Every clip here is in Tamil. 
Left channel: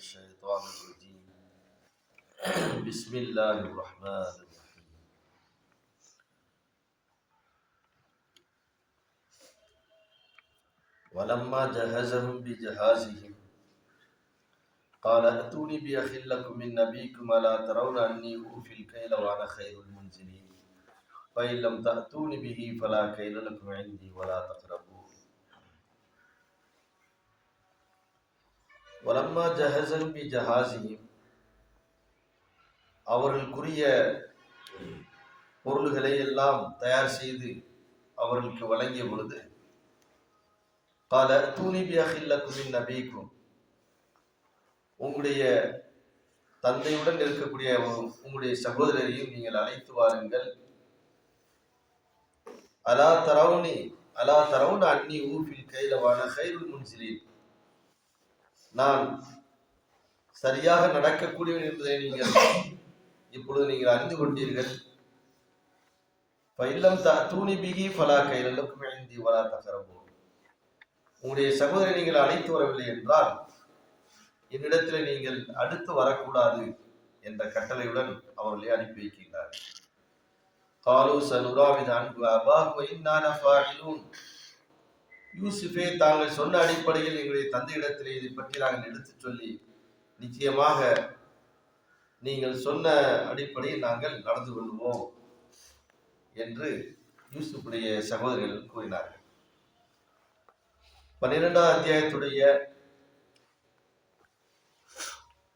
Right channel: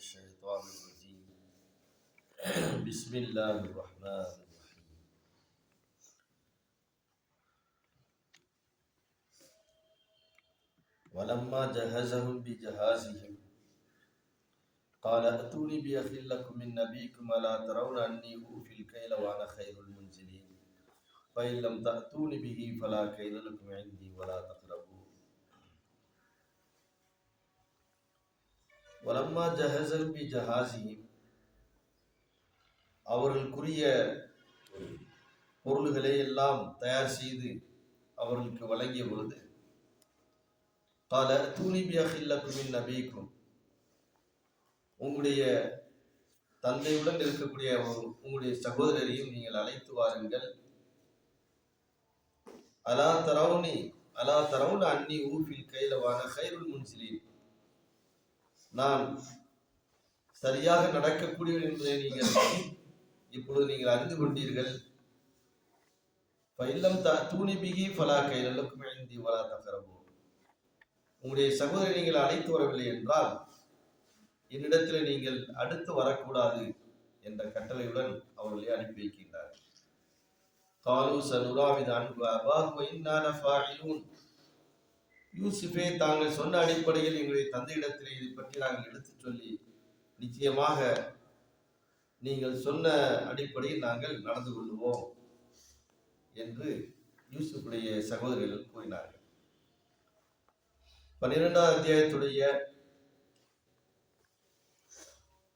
الشيطان الرجيم. بسم الله الرحمن الرحيم. ولما جهزهم بجهازهم قال ائتوني بأخ لكم من نبيكم ألا ترون أني أوفي الكيل وأنا خير المنزلين؟ فإن لم تأتوني به فلا كيل لكم عندي ولا تقربون வலம்மா ஜஹசன் பி ஜஹாசிஹிம் அவர்களுக்குரிய பொருள்களை எல்லாம் தயார் செய்து அவர்களுக்கு வழங்கிய பொழுது பல தூணி குமின் நபீக்கும். உங்களுடைய தந்தையுடன் இருக்கக்கூடிய உங்களுடைய சகோதரரையும் நீங்கள் அழைத்து வாருங்கள். அலா தரவுனி அலா தரவுன் அன்னி ஊஃபில் கைலவான கைருல் முன்சிலின். நான் சரியாக நடக்கக்கூடியவன் என்பதை நீங்கள் இப்பொழுது நீங்கள் அறிந்து கொண்டீர்கள். பயிலம் த தூணி பிகி பலா கைலலுக்கும் ஐந்தி வலா தகரவோ உங்களுடைய சகோதரி நீங்கள் அழைத்து வரவில்லை என்றால் என்னிடத்தில் நீங்கள் அடுத்து வரக்கூடாது என்ற கட்டளையுடன் அவர்களை அனுப்பி வைக்கின்றார் காலு சனுராவித அன்பு அபாஹு இன்னான ஃபாயிலூன். யூசுஃபே தாங்கள் சொன்ன அடிப்படையில் எங்களுடைய தந்தையிடத்திலே இதை பற்றி நாங்கள் எடுத்துச் சொல்லி நிச்சயமாக நீங்கள் சொன்ன அடிப்படையில் நாங்கள் நடந்து கொள்வோம் என்று யூசுஃபுடைய சகோதரிகள் கூறினார்கள். பன்னிரெண்டாம் அத்தியாயத்துடைய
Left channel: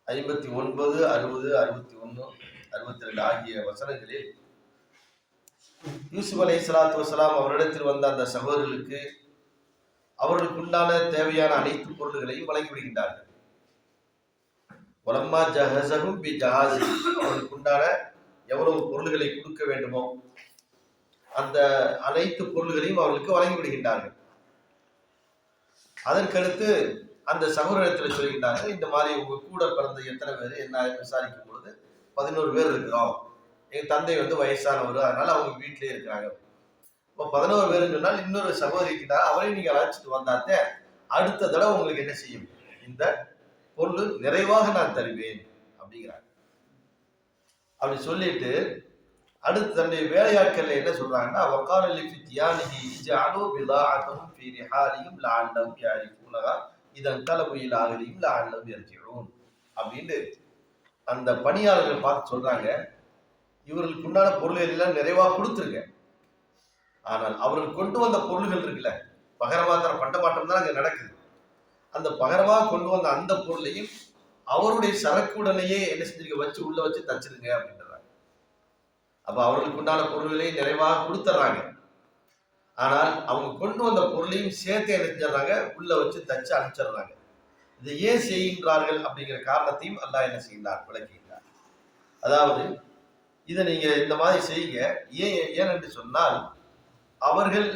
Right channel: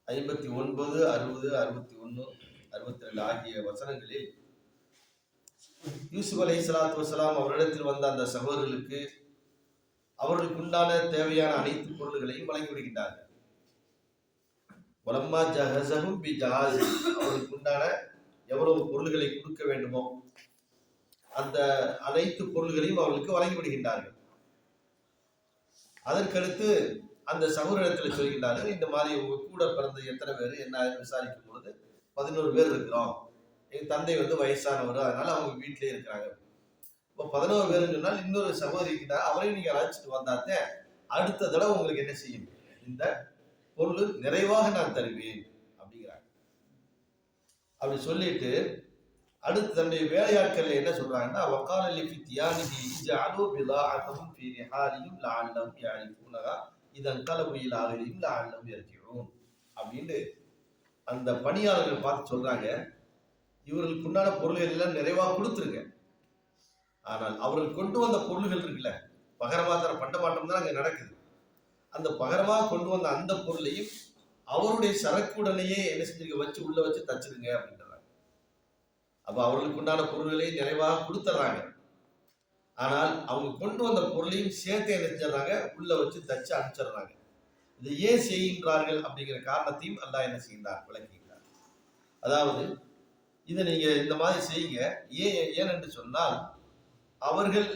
ஐம்பத்தி ஒன்பது அறுபது அறுபத்தி ஒன்று அறுபத்தி ரெண்டு ஆகிய வசனங்களில் யூசுப் அலை சலாத்து வசலாம் அவரிடத்தில் வந்த அந்த சகோதரர்களுக்கு அவர்களுக்கு உண்டான தேவையான அனைத்து பொருள்களையும் வழங்கி விடுகின்றார்கள் உலம்மா ஜஹசகும் பி ஜஹாசி அவர்களுக்கு உண்டான எவ்வளவு பொருள்களை கொடுக்க வேண்டுமோ அந்த அனைத்து பொருள்களையும் அவர்களுக்கு வழங்கி விடுகின்றார்கள் அதற்கடுத்து அந்த சகோதரத்தில் சொல்கின்றார்கள் இந்த மாதிரி உங்க கூட பிறந்த எத்தனை பேர்? என்ன விசாரிக்கும் பொழுது பதினோரு பேர் இருக்கிறோம். எங்க தந்தை வந்து வயசானவர் அதனால அவங்க வீட்டிலே இருக்கிறாங்க. இப்போ பதினோரு பேர் சொன்னால் இன்னொரு சகோதரி இருக்கின்றார் அவரையும் நீங்க அழைச்சிட்டு வந்தாத்தே அடுத்த தடவை உங்களுக்கு என்ன செய்யும்? இந்த பொருள் நிறைவாக நான் தருவேன் அப்படிங்கிறாங்க. அப்படி சொல்லிட்டு அடுத்து தன்னுடைய வேலையாட்கள் என்ன சொல்றாங்கன்னா வக்கால லிஃபி தியானிஹி ஜஅலு பிதாஅத்தஹும் ஃபீ ரிஹாலிஹிம் லஅல்லஹும் யஅரிஃபூனஹா இதன் கலபு ஆகலியும் அஹ்லிஹிம் லஅல்லஹும் அப்படின்னு அந்த பணியாளர்கள் பார்த்து சொல்றாங்க. இவர்களுக்கு உண்டான பொருள்கள் எல்லாம் நிறைவா கொடுத்துருங்க. ஆனால் அவர்கள் கொண்டு வந்த பொருள்கள் இருக்குல்ல பகரமாத்திர பண்டமாட்டம் தான் அங்கே நடக்குது. அந்த பகரமா கொண்டு வந்த அந்த பொருளையும் அவருடைய சரக்குடனேயே என்ன செஞ்சிருக்க வச்சு உள்ள வச்சு தச்சிருங்க அப்படின்றாங்க. அப்ப அவர்களுக்கு உண்டான பொருள்களை நிறைவாக கொடுத்துட்றாங்க ஆனால் அவங்க கொண்டு வந்த பொருளையும் சேர்த்து என்ன உள்ள வச்சு தச்சு அனுப்பிச்சிடுறாங்க இதை ஏன் செய்கின்றார்கள் அப்படிங்கிற காரணத்தையும் அல்லாஹ் என்ன செய்கிறார் விளக்குகின்றார் அதாவது இதை நீங்க இந்த மாதிரி செய்யுங்க. ஏன் ஏன் என்று சொன்னால் அவர்கள்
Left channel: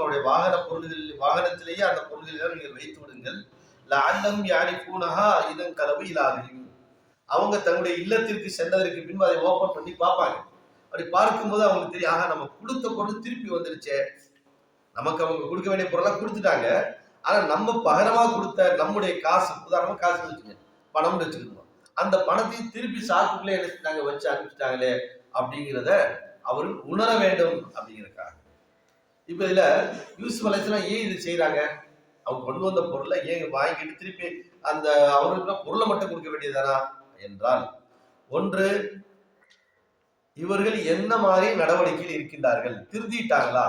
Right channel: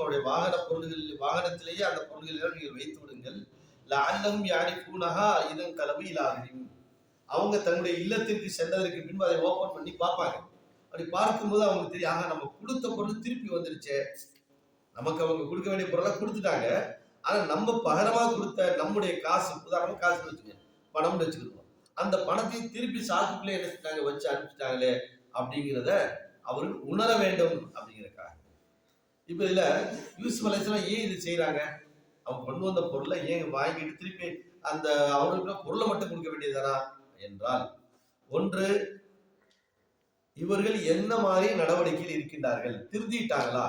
அவருடைய வாகன பொருள்கள் வாகனத்திலேயே அந்த பொருள்களை நீங்கள் வைத்து விடுங்கள். லால்லம் யானை பூனகா இதன் கலவு இலாஹிம் அவங்க தங்களுடைய இல்லத்திற்கு சென்றதற்கு பின்பு அதை ஓபன் பண்ணி பார்ப்பாங்க. அப்படி பார்க்கும்போது அவங்களுக்கு தெரியும் நம்ம கொடுத்த பொருள் திருப்பி வந்துருச்சே. நமக்கு அவங்க கொடுக்க வேண்டிய பொருளெல்லாம் கொடுத்துட்டாங்க. ஆனா நம்ம பகரமா கொடுத்த நம்முடைய காசு உதாரணமா காசு வச்சுக்கோங்க. பணம்னு வச்சுக்கிருந்தோம் அந்த பணத்தையும் திருப்பி சாக்குக்குள்ளே என்ன செஞ்சாங்க? வச்சு அனுப்பிச்சிட்டாங்களே. அப்படிங்கிறத அவர்கள் உணர வேண்டும் அப்படிங்கிறக்காக இப்ப இதுல யூஸ் அலைஹிஸ்ஸலாம் ஏன் இது செய்யறாங்க அவங்க கொண்டு வந்த பொருளை ஏங்க வாங்கிட்டு திருப்பி அந்த அவர்களுக்கு பொருளை மட்டும் கொடுக்க வேண்டியதானா என்றால் ஒன்று இவர்கள் என்ன மாதிரி நடவடிக்கையில் இருக்கின்றார்கள்? திருத்திட்டாங்களா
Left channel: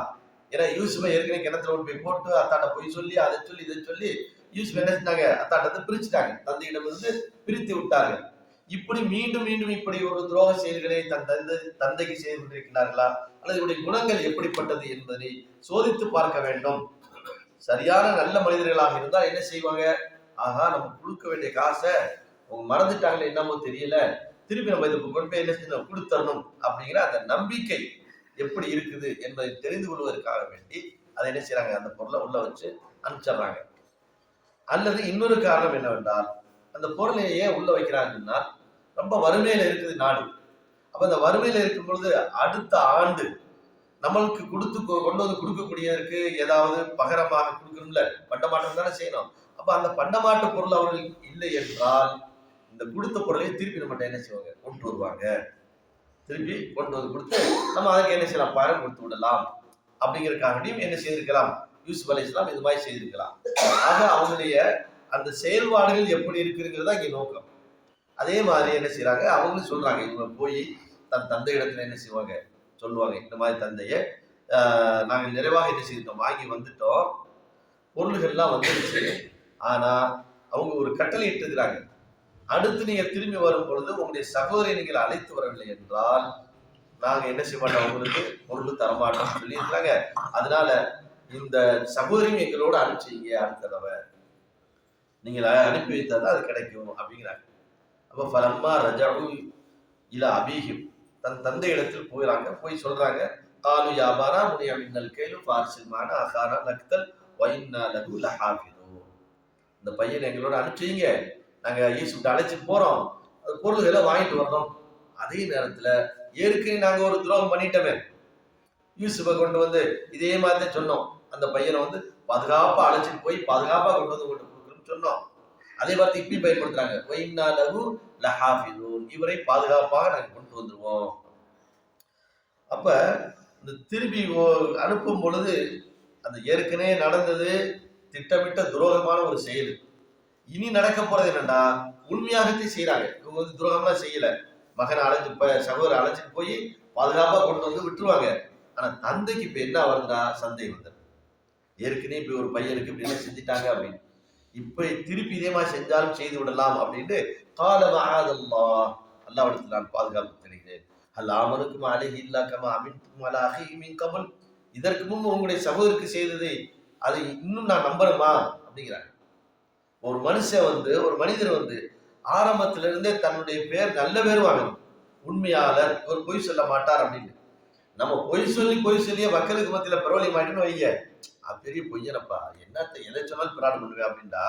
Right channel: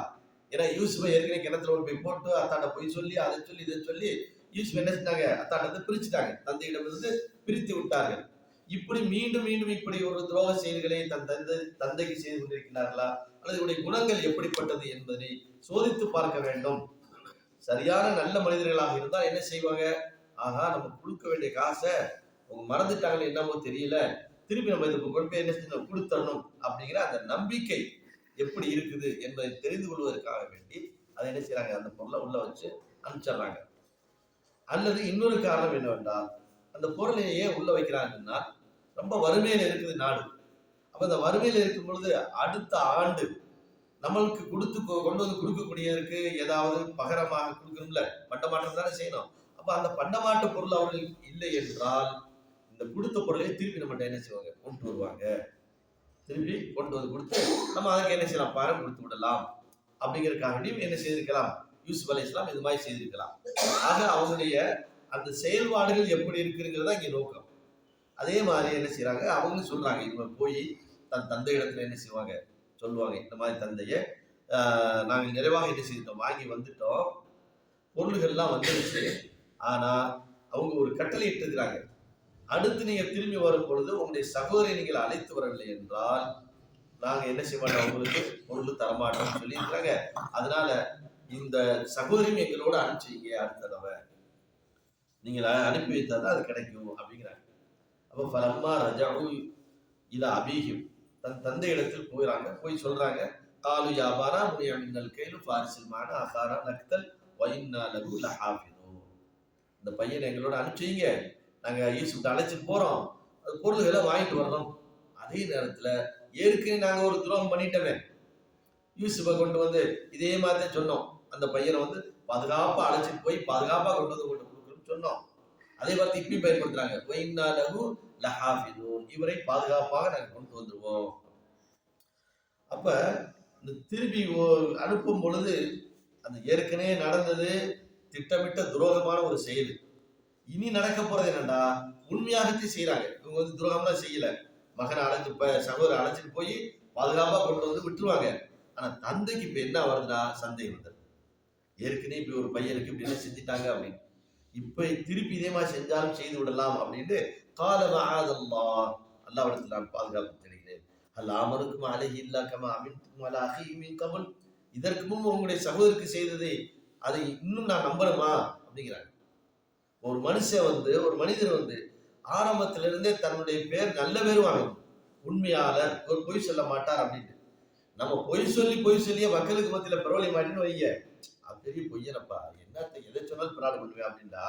ஏன்னா யூசுஃபை ஏற்கனவே கிணத்துல போய் போட்டு அத்தாட்ட போய் சொல்லி அதை சொல்லி இதை சொல்லி யூசுஃப் என்ன செஞ்சாங்க? அத்தாட்டத்தை பிரிச்சுட்டாங்க. தந்தையிடம் வந்து பிரித்து விட்டார்கள். இப்படி மீண்டும் மீண்டும் இப்படி ஒரு துரோக செயல்களை தன் தந்தை தந்தைக்கு செய்து கொண்டிருக்கிறார்களா அல்லது இவருடைய குணங்கள் எப்படிப்பட்டது என்பதை சோதித்து பார்க்க வேண்டும். சரியான நல்ல மனிதர்களாக இருந்தால் என்ன செய்வாங்க? ஆஹா நம்ம கொடுக்க வேண்டிய காசை அவங்க மறந்துட்டாங்களே என்னமோ தெரியல. திருப்பி நம்ம இதுக்கு கொண்டு போய் என்ன செய்யணும்? கொடுத்தரணும் அப்படிங்கிற அந்த நம்பிக்கை எப்படி இருக்குது என்பதை தெரிந்து கொள்வதற்காக வேண்டி அதை என்ன செய்யறாங்க அந்த பொருளை உள்ள வச்சு அனுப்பிச்சிடுறாங்க. அல்லது இன்னொரு காரணம் என்னவென்றால் அந்த பொருளை ஏன் உள்ள வைக்கிறாங்கன்னா ரொம்ப வறுமையில இருக்குது நாடு. அப்ப அந்த வறுமையில இருக்கும் பொழுது அடுத்த ஆண்டு நம்மளுக்கு கொடுத்து கொண்டு வந்து கொடுக்கக்கூடியதற்கு ஏதாவது பகரமாக கொடுக்கணும்ல? பண்டமாட்டம் தானே செய்யணும். அப்ப அந்த பண்டமாட்டு பொருள் அவர்கள் இல்லை என்றால் இந்த கொடுத்த பொருளை திருப்பி நம்ம என்ன செய்வாங்க? கொண்டு வருவாங்க. திருப்பி கொண்டு வந்து கொடுத்து நம்ம அதுக்கு என்ன செய்யலாம்? பணம் கொடுத்து விடலாம். அப்படிங்கறதுக்காகவும் என்ன செய்திருக்கலாம்? யூசுப் அலி இஸ்லாம் இது மாதிரி செய்திருக்கலாம். ஆக அவங்களுடைய அந்த செயல்பாடுகள் எப்படி இருக்குங்கிறது தான் இங்க நோக்கம். அதே மாதிரி என்ன செய்கிறாங்க அவங்களும் சொல்றாங்க இவங்க போய் தன் தந்தை இடத்துல என்ன செய்வாங்க? சொல்லுவாங்க இந்த மாதிரி தந்தையை நாங்கள் நிறைவாக என்ன செய்தோம் வாங்கி வந்துட்டோம். பொருள்கள்லாம் வந்துருச்சு ஆனா அவங்க ஒரு கட்டளை இட்டிருக்கிறாங்க அடுத்து நீங்க திரும்பி வரும் பொழுது உங்களுடைய சகோதரை நீங்கள் அழைத்து வரவில்லை என்றால் நாங்க என்ன செய்ய மாட்டோம்? உங்களுக்கு பொருள் தரமாட்டோம் சொல்லியிருக்காங்க அதனால இந்த சகோதரியும் எங்களோட அனுப்பிச்சிங்க அடுத்த தடவை. நீங்கள் அனுப்பி வைத்தால் தான் அது கிடைக்கும் அப்படிங்கிறாங்க. அப்போ ஃபலம்மா ரஜாவு இல அபீஹிம். தன் தந்தை இடத்தில் போயிறாங்க போய் சொல்றாங்க. காலு யாபாரா முனிய மின்னல் கேளு ஃபாரிசில்மான அகாரா நக்தல் வைன்னா லகு லஹாஃபிதோ இந்த பையனை எங்களோட அனுப்பிச்சிங்க நாங்க ஈசுப்ட அழைச்சிட்டு போறோம். அது பொருள்களை வாங்கிட்டு வர்றோம் அதே நேரத்துல ஏற்கனவே நாங்க ஒரு துரோகம் பண்ணிட்டோமே. யூசுஃபை கொண்டு வந்து இதே மாதிரி சொன்னோம். அந்த பையனை வந்து பாதுகாப்பா அழைச்சிட்டு போய் பாதுகாப்பா கொண்டு வந்து கொண்டு சொன்னோம். அதே வார்த்தை இப்படி பயன்படுத்துறாங்க. வைன்னா லகு லஹாஃபிதூன். இவரை பாதுகாப்பாக நாங்க கொண்டு வந்துருவோம். அப்ப இந்த திருப்பி ஓ- அனுப்பும் பொழுது அந்த ஏற்கனவே நடந்தது திட்டமிட்ட துரோகமான ஒரு செயல். இனி நடக்க போறது என்னன்னா உண்மையாகவே செய்யறாங்க இவங்க வந்து துரோகமா செய்யல. மகனை அழைச்சு ப- அழைச்சிட்டு போய் பாதுகாப்பா கொண்டு வந்து விட்டுருவாங்க. ஆனா தந்தைக்கு இப்ப என்ன வருதுன்னா சந்தேகம் வந்து ஏற்கனவே இப்படி ஒரு பையனுக்கு இப்படி செஞ்சுட்டாங்க அப்படின்னு. இப்ப திருப்பி இதே மாதிரி செஞ்சாலும் செய்து விடலாம் அப்படின்ட்டு கால அல்லாவிடத்தில் நான் பாதுகாப்பு தெரிகிறேன். அல்ல அமனுக்கும் அழகி இல்லாக்கமா அமின்கும் அல அகிமின் கமல் இதற்கு முன்பு உங்களுடைய சகோதரருக்கு செய்தது அதை இன்னும் நான் நம்புறேமா அப்படிங்கிறாங்க. ஒரு மனுஷன் வந்து ஒரு மனிதர் வந்து ஆரம்பத்திலிருந்தே தன்னுடைய பேர் நல்ல பேர் வாங்கணும். உண்மையாளர் ஒரு பொய் சொல்ல மாட்டார் அப்படின்னு. நம்ம பொய் சொல்லி பொய் சொல்லியே மக்களுக்கு மத்தியில பரவலி மாட்டின்னு வைங்க. அது பெரிய பொய்யனப்பா. என்னத்த எதை சொன்னாலும் பிரார்த்தனை பண்ணுவேன் அப்படின்டா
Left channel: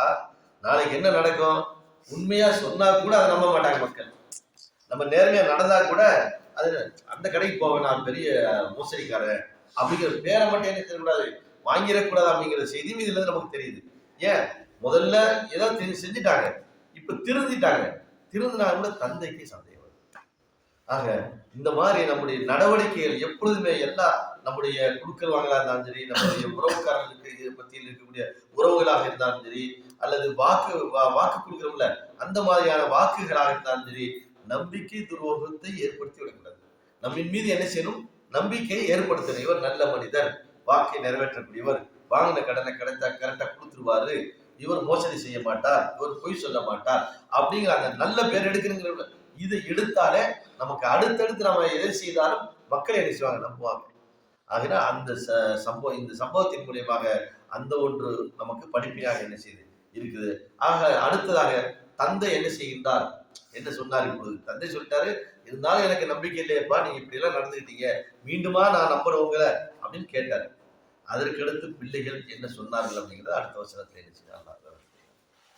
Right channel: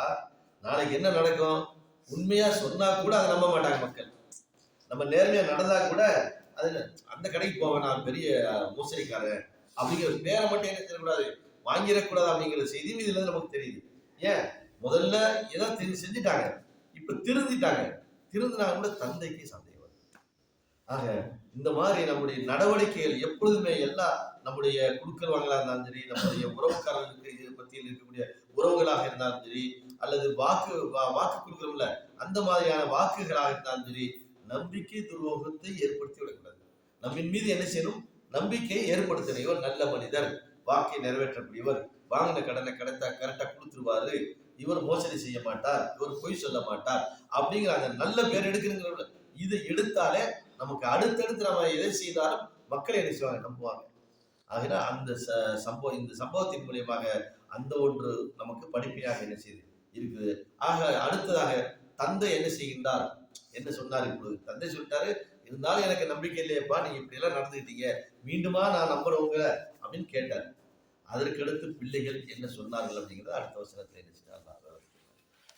நாளைக்கு என்ன நடக்கும்? உண்மையா சொன்னா கூட அதை நம்ப மாட்டாங்க மக்கள். நம்ம நேர்மையா நடந்தா கூட அது அந்த கடைக்கு போவேன் நான் பெரிய மோசடிக்காரன் அப்படிங்கிற பேரை மட்டும் என்ன தெரியக்கூடாது. வாங்கிடக்கூடாது அப்படிங்கிற செய்தியும் இதுல இருந்து நமக்கு தெரியுது. ஏன்? முதல்ல ஏதோ செஞ்சுட்டாங்க. இப்ப திருந்திட்டாங்க. திருந்தினா கூட தந்தைக்கு சந்தேகம். ஆக இந்த மாதிரி நம்முடைய நடவடிக்கைகள் எப்பொழுதுமே எல்லா நம்முடைய குழுக்கள் வாங்கலா இருந்தாலும் சரி நம்முடைய உறவுக்காரர்களுக்கு இது மத்தியில் இருக்கக்கூடிய உறவுகளாக இருந்தாலும் சரி அல்லது வாக்கு வா- வாக்கு கொடுக்குறோம்ல அந்த மாதிரியான வாக்குகளாக இருந்தாலும் சரி நம்பிக்கை துரோகத்தை ஏற்படுத்தி விடக்கூடாது. நம்மின் மீது என்ன செய்யணும்? நம்பிக்கையை ஏற்படுத்தக்கூடியவர் நல்ல மனிதர் வாக்கை நிறைவேற்றக்கூடியவர் வாங்கின கடனை கரெக்டா கரெக்டா கொடுத்துருவாரு இவர் மோசடி செய்ய மாட்டார் இவர் பொய் சொல்ல மாட்டார் அப்படிங்கிற அந்த நல்ல பேர் எடுக்கணுங்கிற இதை எடுத்தாலே நமக்கு அடுத்தடுத்து நம்ம எதை செய்தாலும் மக்கள் என்ன செய்வாங்க? நம்புவாங்க. ஆகினா அந்த ச- சம்பவம் இந்த சம்பவத்தின் மூலியமாக அந்த ஒன்று நமக்கு படிப்பையாக என்ன செய்யுது இருக்குது. ஆக அடுத்ததாக தந்தை என்ன செய்கின்றார்? என்ன சொன்னார் இப்பொழுது? தந்தை சொல்லிட்டாரு இருந்தாலும் எனக்கு நம்பிக்கை இல்லையப்பா நீங்க இப்படி எல்லாம் நடந்துக்கிட்டீங்க மீண்டுமா நான் நம்புறவங்க அப்படின்னு கேட்டார். அதற்கடுத்து பிள்ளைகள் என்ன சொன்னார்கள் அப்படிங்கிறது அடுத்த வசனத்தில்